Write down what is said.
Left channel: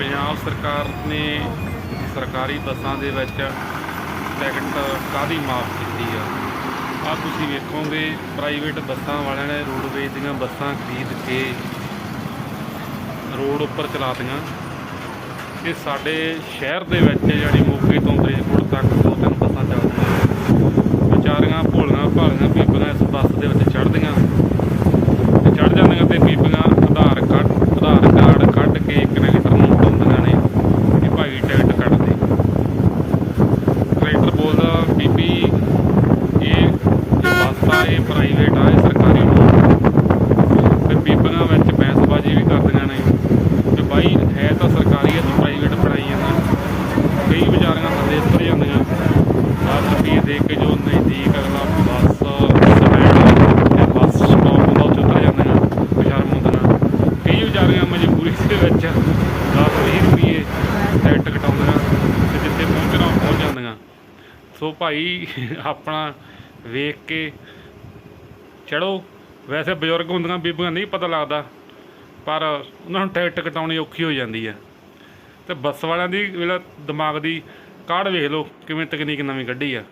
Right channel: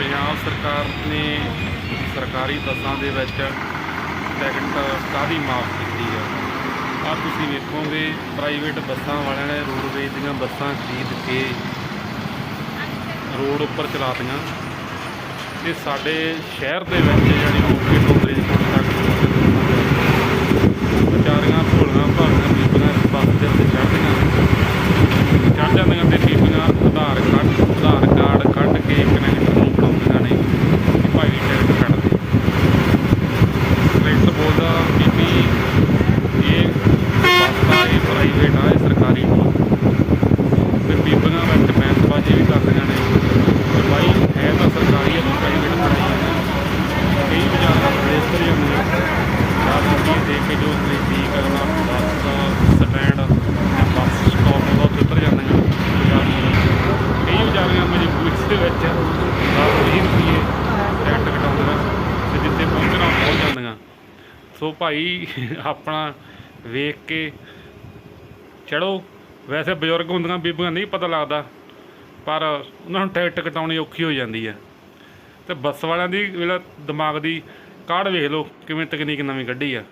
ਪੰਜਾਬ ਸਰਕਾਰ ਨੇ ਸਰਕਾਰੀ ਬੱਸਾਂ ਦੇ ਵਿੱਚ ਟਿਕਟ ਕਾਦੀ ਮਾਫ ਕੀਤੀ ਆ? ਆ ਤੁਸੀਂ ਵੇਖੋਗੇ ਪ੍ਰਾਈਵੇਟ ਬੱਸਾਂ ਵਾਲਿਆਂ ਨੇ ਰੋਡਵੇਜ਼ ਦੀਆਂ ਬੱਸਾਂ ਖਰੀਦ ਕੇ ਰੋਡ ਉੱਪਰ ਚਲਾਤੀਆਂ। ਇਹ ਸਾਡੇ ਸ਼ਹਿਰ ਦੇ ਵਿੱਚ ਯਾਨੀ ਮੋਗੇ ਤੋਂ ਫਰੀਦਕੋਟ ਤੱਕ ਦੋ ਬੱਸਾਂ ਚੱਲਦੀਆਂ ਵਿਚਾਰੀਆਂ, ਭੋਲੀਆਂ, ਭਾਲੀਆਂ, ਬੀਬੀਆਂ ਇਸ ਬੱਸ ਦੇ ਵਿੱਚ ਚੜ੍ਹਦੀਆਂ। ਚੜ੍ਹ ਜਾਂਦੀਆਂ ਤੇ ਬੀਬੀਆਂ ਆਧਾਰ ਕਾਰਡ ਆਧਾਰ ਕਾਰਡ ਕੱਢ ਕੇ ਕਨੈਕਟਰ ਨੂੰ ਫੜਾਉਂਦੀਆਂ ਨੇ ਕਿ ਭਾਈ ਟਿਕਟ ਕੱਢ ਦੇ ਕਨੈਕਟਰ ਬੋਲਦਾ ਬੀਬੀ, ਇਹ ਬੱਸ ਆ ਇਹ ਪ੍ਰਾਈਵੇਟ ਆ, ਇਹ ਸਰਕਾਰੀ ਨਹੀਂ ਤੇ ਬੀਬੀਆਂ ਵਿੱਚ ਬੈਂਸਬਾਜੀ ਵੀ ਕਰਦੀਆਂ ਨੇ ਕਿ ਬਾਈ, ਹੈ ਤਾਂ ਸਰਕਾਰੀ ਹੈ ਤੂੰ ਪ੍ਰਾਈਵੇਟ ਪੜਾਈ ਜਾਂਦਾ ਕਈ ਵਿਚਾਰੀਆਂ ਸੰਦੇਸ਼ ਕਰ ਜਾਂਦੀਆਂ 10 ਰੁਪਏ ਦੇ ਕੇ ਜੋ ਨਜ਼ਦੀਕ ਅਗਲਾ ਬੱਸ ਸਟੈਂਡ ਜਾਂ ਬੱਸ ਸਟਾਪ ਹੁੰਦਾ, ਉੱਥੇ ਉਤਰ ਜਾਂਦੀਆਂ ਬਾਜ਼ਾਰ ਨੂੰ ਕਈ ਵਿਚਾਰੀਆਂ ਮਜਬੂਰੀ ਦੇ ਵਿੱਚ 10 20 ਰੁਪਏ ਟਿਕਟ ਕਟਾਉਂਦੀਆਂ ਤੇ ਜਿੱਥੇ ਪਹੁੰਚਣਾ ਪਹੁੰਚ ਜਾਂਦੀਆਂ। ਸੋ ਭਾਈ, ਆਪਣਾ ਵੇਖ ਕੇ ਚੜੋ। ਵੈਸੇ ਬਜ਼ੁਰਗ ਹੁੰਦੀਆਂ, ਬੀਬੀਆਂ ਨਹੀਂ ਪਤਾ ਲੱਗਦਾ, ਪਰ ਉਹਨਾਂ ਨੂੰ ਟਿਕਟ ਕਟਾਉਣੀ ਔਖੀ ਹੋ ਜਾਂਦੀ ਹੈ ਤੇ ਬੱਸ ਵਾਲਿਆਂ ਦੀ ਜਿਹੜਾ ਦਿਮਾਗ ਦੀ ਕਾਢ ਵੇਖ ਲਓ, ਕਿਵੇਂ ਤਕਨੀਕ ਨਵੀਂ ਕੱਢੀ ਆ।